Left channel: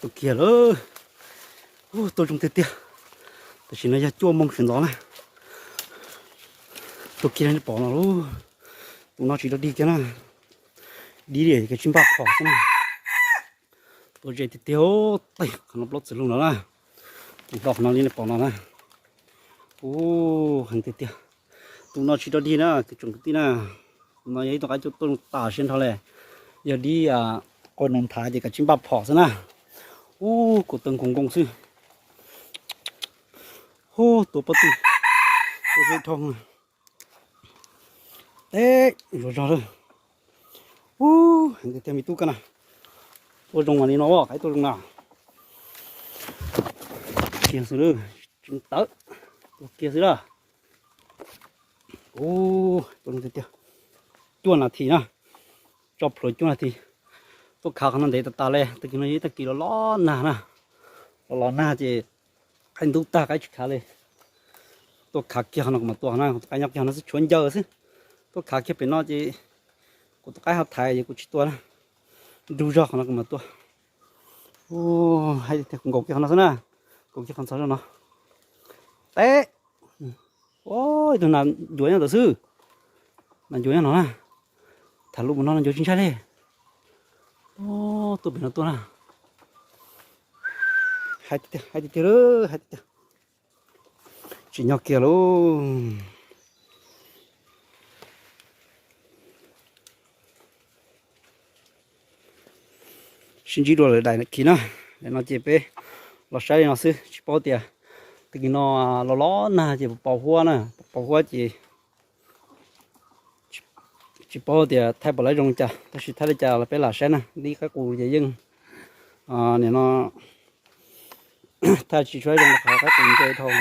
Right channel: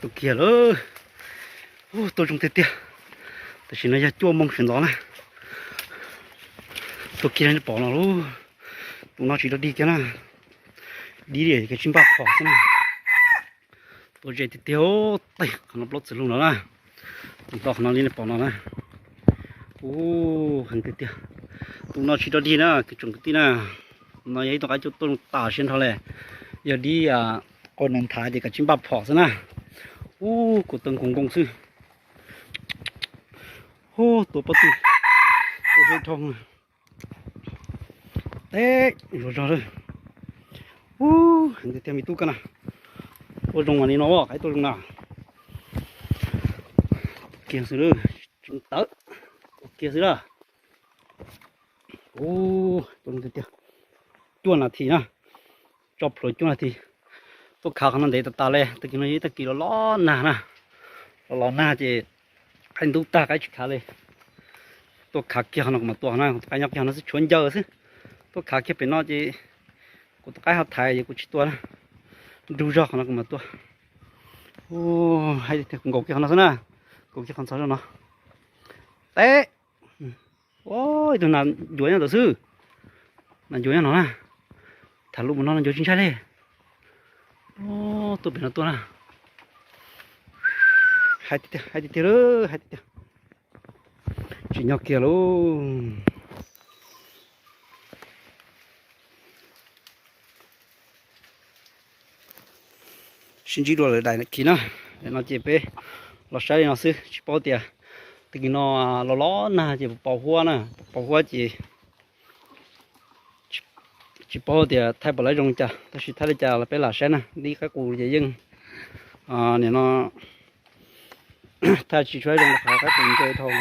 tụi kia nữa tôi trông tiếc tôi chỉ nói ra chua mông sườn gió này tụi kia nó bỏ nó luôn tụi nó chỉ được đi cái nào đi để cái chim bạc bỏ thế này tôi chỉ tiêu tay nó lót sườn luôn đó nè tụi đọc nó đi nó bỏ nó nè hình tiếc tụi nó chỉ được đi nữa cái chung cái tí nè nó ấy tụi cái chỗ tôi tả xuyên thôi này giờ đi con nền thái thì cái chim bạc bỏ thế này của từng công sư tổ bắt tôi sẽ thông đấy rồi rồi hình cái mi tu cái nào tôi trồng này nó cái tôi trồng nào kia xứ nữa chúng tớ kia xứ đó tôi cái kia chuồn là thì nè chọc rồi chuồn là thì tôi khảo khăn để ta lẹ tự nhiên nó kỳ nó ló nà chỉ anh tu ta cái khá lên tôi khá kia nó mà tôi nó cái nhóc kia nó sẽ chuẩn giờ chứ tôi khá kia bên nó chỉ của tôi cái học thầy gì của chị tôi đủ rõ nó mà tôi hay thì cũng có kia nó nè cũng kia con sao nó té ôi tôi làm chuối nào sư làm chuối nó nè thằng lúc nó làm chuối chính xác đấy tôi biết nó tôi nè hai tí nữa chỉ nhóc kia luôn xin chỉ đồ đại này kỹ nó để nó chỉ bé nó sai nó xứ chỉ bao tiền thì nó ló nè chỉ bảo hoa nè bảo hoa chỉ bao tiền thay bỏ lại rong chả ta chỉ thay lại chả là bé là sai nè đi cái cù gì dưng này nó thay chỉ xoay rong là cái cù chơi thôi